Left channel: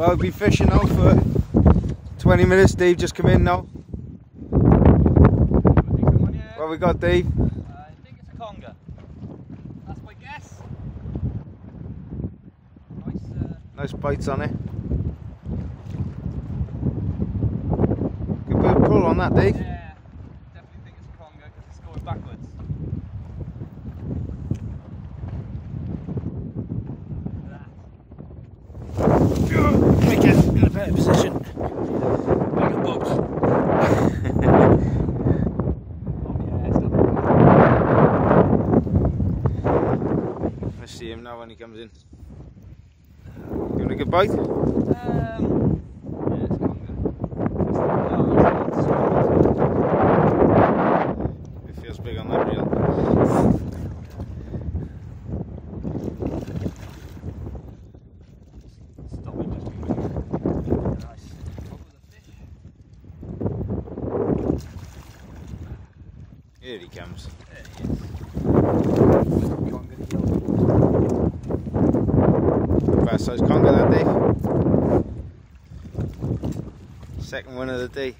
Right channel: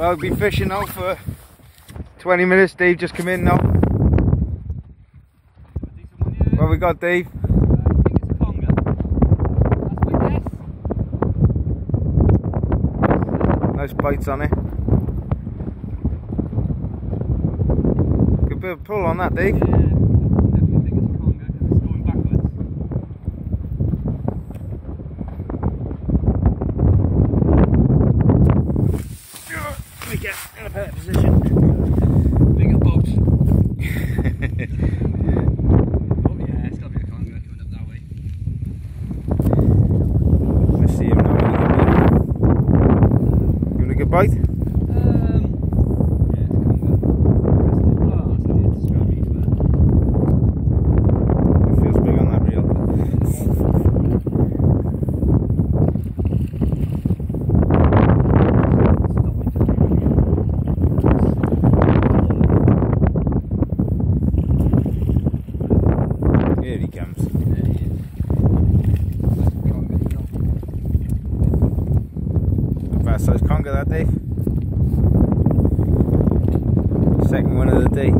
Well, we've been fishing now for 20 minutes. Dave just come in now. What we got, Dave? I think it's a conger. That's my guess. Nice bites on it. Good bit of pull on that, Dave. Yeah, definitely think it's a conger because it's going backwards. Make it in a better position. Make a boat. Oh yeah, it's got a Let's see him now when he comes in. You want a good bite? yeah, it's conger. It feels big on that reel. Here he comes. Fast size conger that day. Second one of the day.